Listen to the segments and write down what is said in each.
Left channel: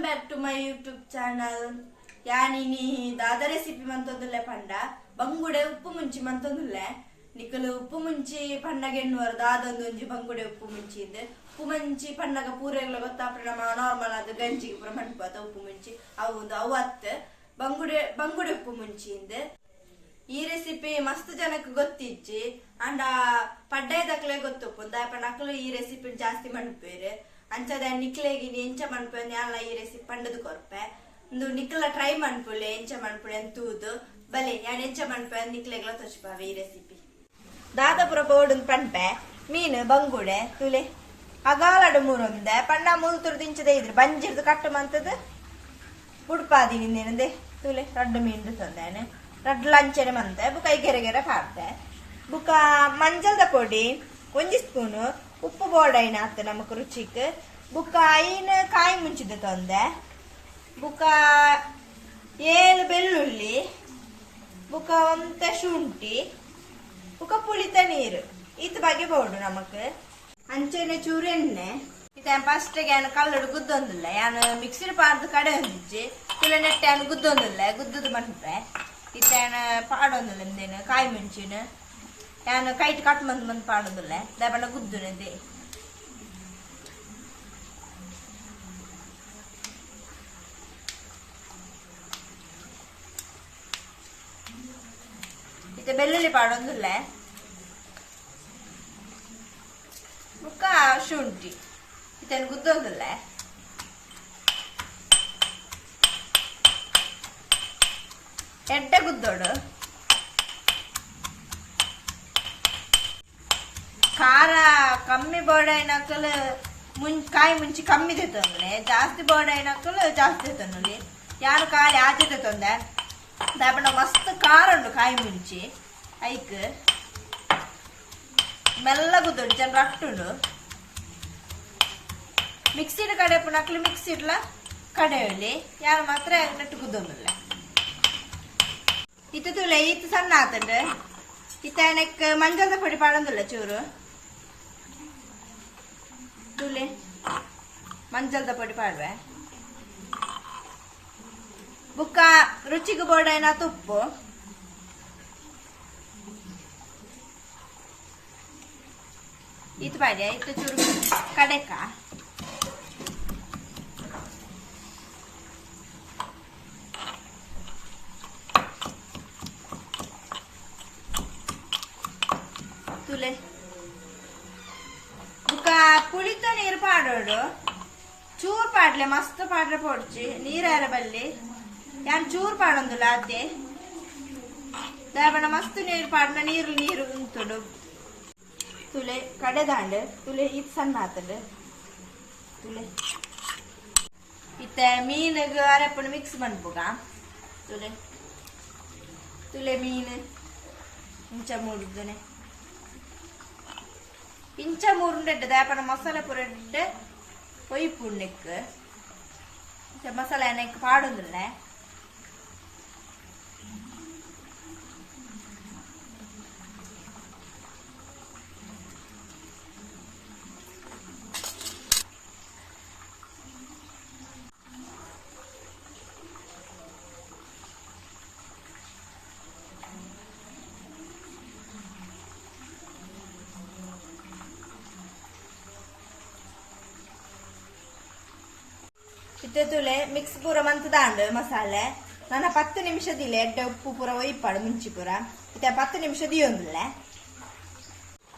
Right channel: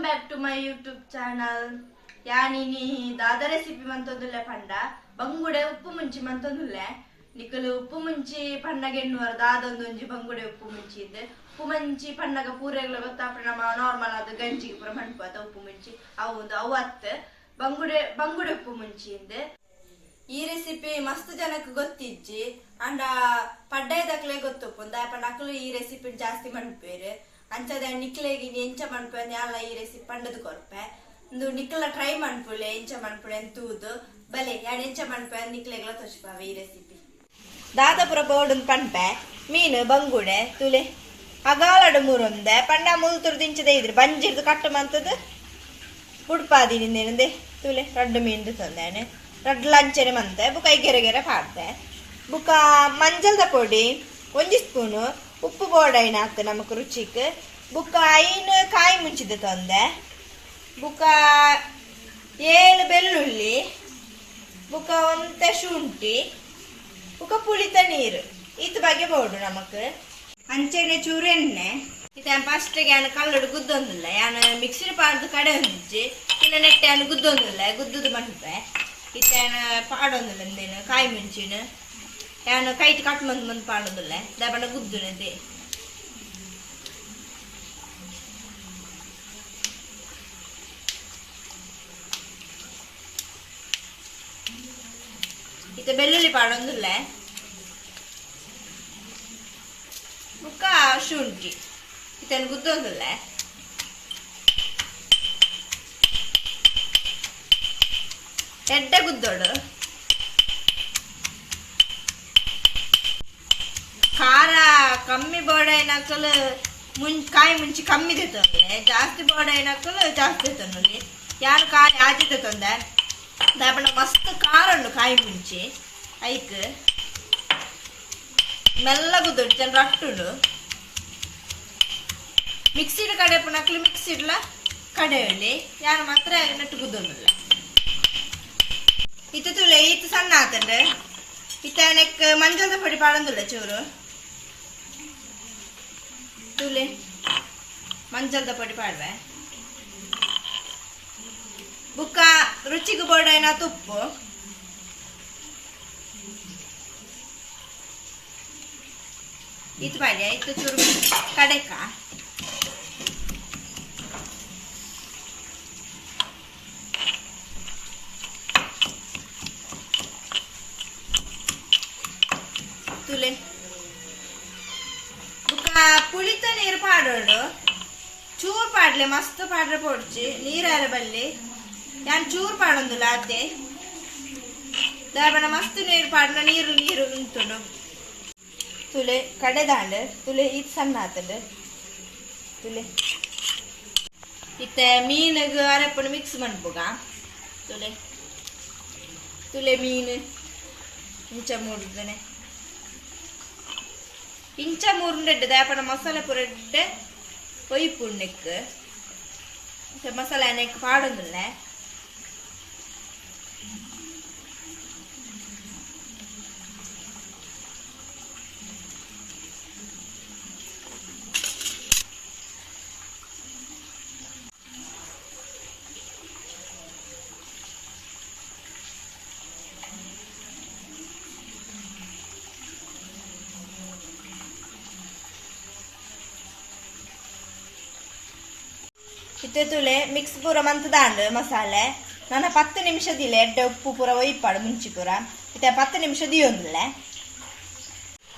Welcome back to my YouTube channel. ಯಾನಿನಿ ದಾದ recipe ಮಂತೊಂದುಲ್ಲೆ ಪಂಡ ಬಂಗುಡೆ ಉಪ್ಪು ಮುಂಚಿ ಮಂತೊಂದುಲ್ಲೆ ನಿಕಲು ಉಪ್ಪು ಮುಂಚಿ ಪಂಡಗೆಣ್ಣುವರ ದಾದೊಂದೊಂಜಿ ಬಂಗುಡೆ ಉಪ್ಪು ಮುಂಚಿ ಇದೆ ಉಪ್ಪು ಮುಂಚಿ ಪಂಡಗ ಪೂರೆಗಳ ಗೊತ್ತಾಪ್ರೆ ನಮ್ಮ ನಾರ್ಮಲ್ ಆದ ಗಂಜಿಗೆ ಪುರ ಮಣ್ಪದ ಉಪ್ಪು ಮುಂಚಿ ಅವತ್ತು ಬಂಗುಡೆ ಉಪ್ಪು ಮುಂಚಿ ಇದೆ. ಈ ರೆಸಿಪಿ ಮಸ್ತ್ ಜನಕ್ಕೆ ಗೊತ್ತಿಜ್ಜಿ ಅಂಡ ಪಡ್ಡಾಯ್ದಕ್ಲೆ ಗೊತ್ತುಪ್ಪು ದಾಯಪಂಡ ಅಕ್ಲು ಈ ರೆಸಿಪಿ ಜಾಸ್ತಿ ಮಣ್ಪೇರು ಅಂಚದ ನಿಕ್ಲೆಗೆ ಎಂಚ ಮಣ್ಪೆ ಯಾಲ ಈ ರೆಸಿಪಿ ಪಂಡದು ಕೊರ್ಪೆ ಒಂದು ನಿಕ್ಲ ಟ್ರೈ ಮಣ್ಪುಳೆ ಎಂಚ ಮಣ್ಪುಳೆ ಅಂತೂದು ಬಲೆ ಯಾನ್ ಎಂಚ ಮಣ್ಪೆ ನಿಕ್ಲೆಗ್ಲ ತೋಚ್ಪಾವೆ ಈ ರೆಸಿಪಿ. ದಾದಾಪುರ ಬೋರ್ಡ್ ಪಂಪೆ ಮೀನು ಬಂಗುಡೆ ತುಲೆ ಅಗಾಲಡು ಮೂರೊಂದೆ ಪಂಡ ಮುಲ್ತುರು ದಿಂಚದೆ ಇದ್ರೆ ಬಂಜಿರ್ದು ಕಟ್ಟು ಮಂತದ್ದು ಉಡ್ಪಾದಿನಿಂದೇನಂದೆ ತುಲೆ ರಡ್ಡು ಮೀನ್ದು ತಂದೇನೆ ರಡ್ಡು ಲಂಚನೆ ಮಂತೆ ಬುಕ್ಕ ಐಗೆರೆ ಪಾಡ್ದೆ ಬುಕ್ಕ ಮಂಜಲ್ದ ಪೊಡಿ 1 ಸ್ಪೂನು ಉಪ್ಪು ಬೋಡೈನ ಹಾಕ್ತೆ ನಮಕ್ ರುಚಿಗೆ ಬುಕ್ಕ ಐನು ಕಾಯಿ ಮುಂಚಿದ ತಂದೆ ಬುಕ್ಕ 7 ಬೆಳ್ಳುಳ್ಳಿ ಬುಕ್ಕ 1 ಶುಂಠಿ ಬುಕ್ಕ ಪುಳಿತ ನೀರು ಇತ್ ಬಗ್ಗೆ ಬೋಡು ನಮಕ್ ಅಂಚೆನೆ ಚೂರು ಎಣ್ಣೆ ಇತ ಫಸ್ಟ್ಗೆ ಯಾನು ಕಲ್ಲಡು ಗುದ್ದೊಂದಿಲ್ಲ ಯಾನು ಮಿಕ್ಸಿರ್ ಪಾಡ್ದು ಕಡೆ ಹೊಂದಿಜ್ಜಿ ಇಲ್ಲ ನೆಟ್ಟೆ ಯಾನು ಗುದ್ದೊಂದಿಲ್ಲ ಗುದ್ದದು ಮಟ್ಪೆ ಇತ ಪಾಡೊಂದಿಲ್ಲ ಎಂದೇನು ಕಾಯಿ ಮುಂಚಿನ ಯಾನು ಕೈಟ್ ಕಟ್ ಮಂದ್ ಪಾಡೋದಿಲ್ಲ ದಬಣ್ಣ ಗುದ್ದುನದೆ ಇತ ಬೆಳ್ಳುಳ್ಳಿ ಪಾಡೊಂದಿಲ್ಲ ಬುಕ್ಕ ಶುಂಠಿ ಇತನ ಗುದ್ದೊಂದಿಲ್ಲ ಎಡ್ಡ ಗುದ್ದೋಡು ಖಾರ ಕಮ್ಮಿ ಬೋಡೈನಕ್ಕಲು ಕಾಯಿ ಮುಂಚಿ ಕಮ್ಮಿ ತೆತ್ತೊಂದ್ರೆ ಜಾಸ್ತಿ ಬೋಡೈನಕ್ಕಲು ಜಾಸ್ತಿ ತೆತ್ತೊಂದು ಯಾರು ಕಾಯಿ ಆಚೆ ತೆತ್ತೊಂದೆ ದಾಪಣ ಮಸ್ತ್ ಖಾರ ಉಂಡು ಕಾಯಿ ಮುಂಚಿ ಐಕ್ ಮೆಲ್ಲ ಗುದ್ದೊಂಡು ಚೆನ್ನ ರಟ್ಟುಂಡು ಮಿಕ್ಸಿಡ್ ಕಡೆ ನಕ್ಲಿ ಮಿಕ್ಸಿಡ್ಲ ಕಡೆಯಲ್ಲಿ ಯಾರು ಮಾತ್ರ ನೆಟ್ಟು ಗುದ್ದೊಂದಿಲ್ಲ ಇತ್ತು ತುಲೆ ಇತ್ತು ಸಣ್ಣ ಆತಂಡು ಇತ್ತನಕ್ಕೆ ಮಂಜಲ್ದ ಪೊಡಿ ಪಾಡೊಂದಿಲ್ಲ ಚೂರು ತುಲೆ ಮಂಜಲ್ದ ಪೊಡಿ ಪಾಡ್ವೆ ಬುಕ್ಕ ರುಚಿಗೆ ಬೋಡೈನ ತುಪ್ಪು ಇತ್ತು ಪಾಡ್ಯ ಇತ್ತು ಚೂರು ಕಡೆಕ ತುಲೆ ಬುಕ್ಕ ಪುಳಿತ ನೀರು ಪಾಡೋಡು ಚೂರು ಪಾಡ್ಲೆ ಮಸ್ತ್ ಪಾಡ್ರೆ ಪೊಡ್ಚಿ ನೀರಾರ ಬಲ್ಲಿ ಯಾನ್ ಚೂರು ಪಾಡೊಂದಿಲ್ಲ ಅದೇ ದಾಬಣ ಮಸ್ತ್ ನೀರು ಪಾಡ್ಲ ನೀರು ಉಂಟುಡು ತುಲೆ ಕಡೆದಾಂಡ್ ತುಲೆ ಇದು ಸಣ್ಣ ಆತಂಡು ತುಲೆ ಇತ್ತ ಮೀನಿಗೆ ಅರೆಪ್ಪಣ ಮಿಕ್ಸ್ ಮಾಡ್ಬೋಗ ತುಲೆ ಮೀನು ಇಂಚ ಮೂಡಿದ್ದೇನೆ ಇಂಚ ಮೂರುಂಡೆ ದಾಪಣ ಮಸಾಲೆ ಪುರೆಡ್ಡೆ ಒಯ್ಪುಣ್ಣೆಕ್ ಮಸಾಲೆ ಎಣ್ಣೆಕ್ ಪಾಡೊಂದಿಲ್ಲ ಇತ್ತೆ ತುಳೆ ಮಿಕ್ಸ್ ಪೂರ ಮಂತದಾಂಡು ಮಸಾಲೆ ನಾನು 10 ನಿಮಿಷದಿಲ್ಲ ಎಡ್ಡೆ ಉಪ್ಪು ಪೂರ ಒಯ್ಪಾಡು ಮುಂಚಿ ಪೂರ ಇತ್ತೆ 10 ನಿಮಿಷ ದಿಯೊಂದಿಲ್ಲ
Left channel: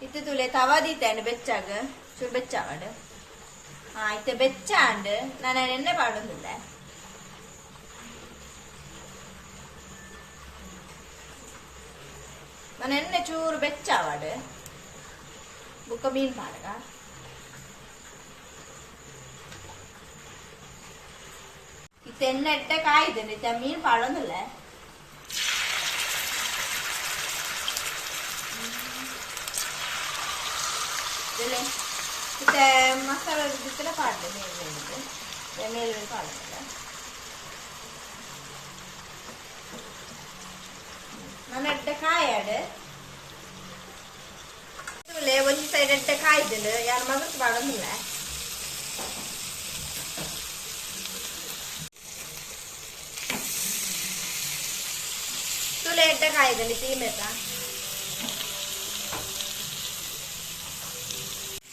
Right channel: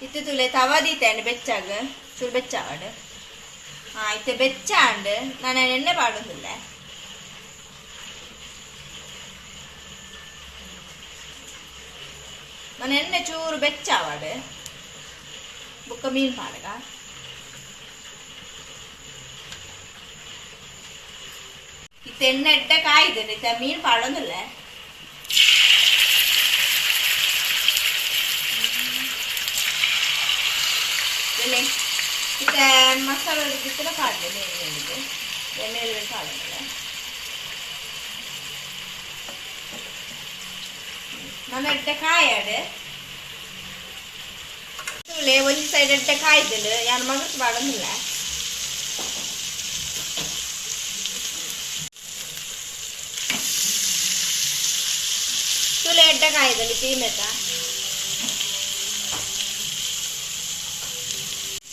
ಇತ್ತೆ ತುಳೆ ತವ ದೀತಂಡು ಬೆಚ್ಚಾಗ ಚೂರು ಬೆಚ್ಚಾವಡು ಇತ್ತೆ ಬೆಚ್ಚಾಂಡು ನಾನು ಎಣ್ಣೆ ಪಾಡೊಂದಿಲ್ಲ ನಾನು ಎಣ್ಣೆ ಚೂರು ಬೆಚ್ಚಾವಡು ಬುಕ್ಕ ಮೀನು ಪಾಡಗ ಎಣ್ಣೆ ಎಡ್ಡೆ ಕಾಯ್ದೆ ಮೀನು ಪಾಡೊಂದಿಲ್ಲ ಮಸಾಲೆ ಕೂಡ ಪಾಡ್ದೆ ಎಣ್ಣೆ ಪಾಡೊಂದಿಲ್ಲ ನಾನು ಎಡ್ಡೆ ಕಾಯಾಡು ಒಂದು ಸೈಡ್ ಎಡ್ಡೆ ಕಾಯ್ದಿಲ್ಲ ಯಾರು ಮಗಕ್ಕೆ ಪಾಡೊಂದಿಲ್ಲ ತುಲೆ ಎಡ್ಡ ಕಾಯ್ದಲ್ಲಿ ತೀಮೆತ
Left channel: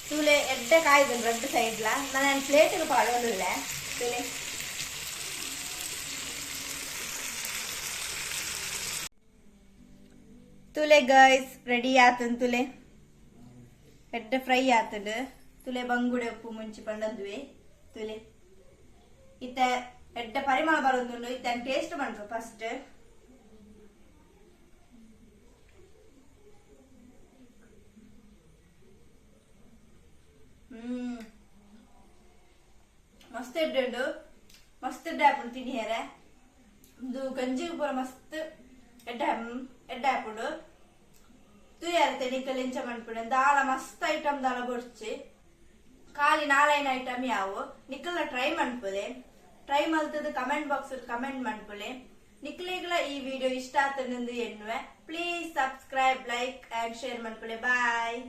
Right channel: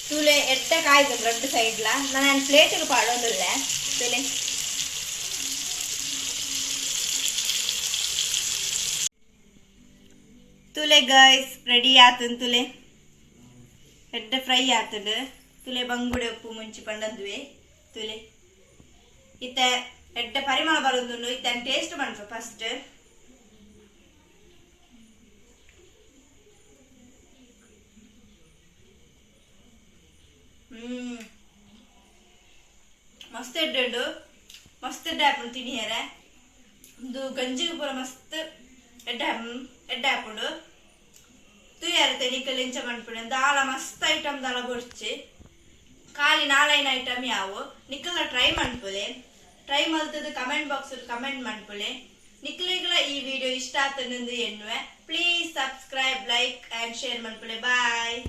ತುಲೆ ಎಡ್ಡ ಕಾಯ್ದಲ್ಲಿ 2 ಸೈಡ್ಲ ನಾನು ಪ್ಲೇಟಿಗೆ ಪಾಡೋದಿಲ್ಲ ತುಲೆ ತುಲೆ ಗೈಸ್ ರೆಡಿ ಆತನ್ ತುಲೆ ಎಡ್ಡ ಫ್ರೈ ಆತದ ತುಲೆ ಬಂಗುಡೆ ಉಪ್ಪು ಮುಂಚಿ ಪಂಡದ್ವಿ ತುಲೆ ಇತ್ತ ಎಡ್ಡ ಪರಿಮಳ ಬರೋದು ಇತ್ತ ಟೇಸ್ಟ್ ಮಾಡ್ರು ಫಸ್ಟ್ ಮಸ್ತ್ ಎಡ್ಡು ಮಸ್ತ್ ಎಡ್ಡ ಹಾಕೊಂಡು ತಿನ್ನಿ ಯಾರ ಒಂದು ಗಂಜಿಗೆ ಪೂರ ಮಸ್ತ್ ಎಡ್ಡ ಹಾಕೊಂಡು ತುಯಾರ ತೆನಿಕಲ್ ಇಂಚ ಮಾಡ್ಬಿಡ ದಾಲ ಮಸ್ತ್ ಐಟಮ್ ದಾಲ ಬೊಡ್ಚಿ ಖಾಲಿ 4 ಐಟಮ್ ಯಾವು ನಿಕ್ಕಲ ಟ್ರೈ ಮಾಡ್ಕೊಲೆ ಟ್ರೈ ಮಲ್ತದ ಕಮೆಂಟ್ ಬಾಕ್ಸ್ ಕಮೆಂಟ್ ಮಾಡ್ಕೊಲೆ ನಿಕ್ಲಿಗಳ ಈ ವಿಡಿಯೋ ಇಷ್ಟ ಆತನೆಂದು ಎನ್ನುವೆ please subscribe like and share ಮಾಡ್ಕೊಲೆ ಬಾಯ್.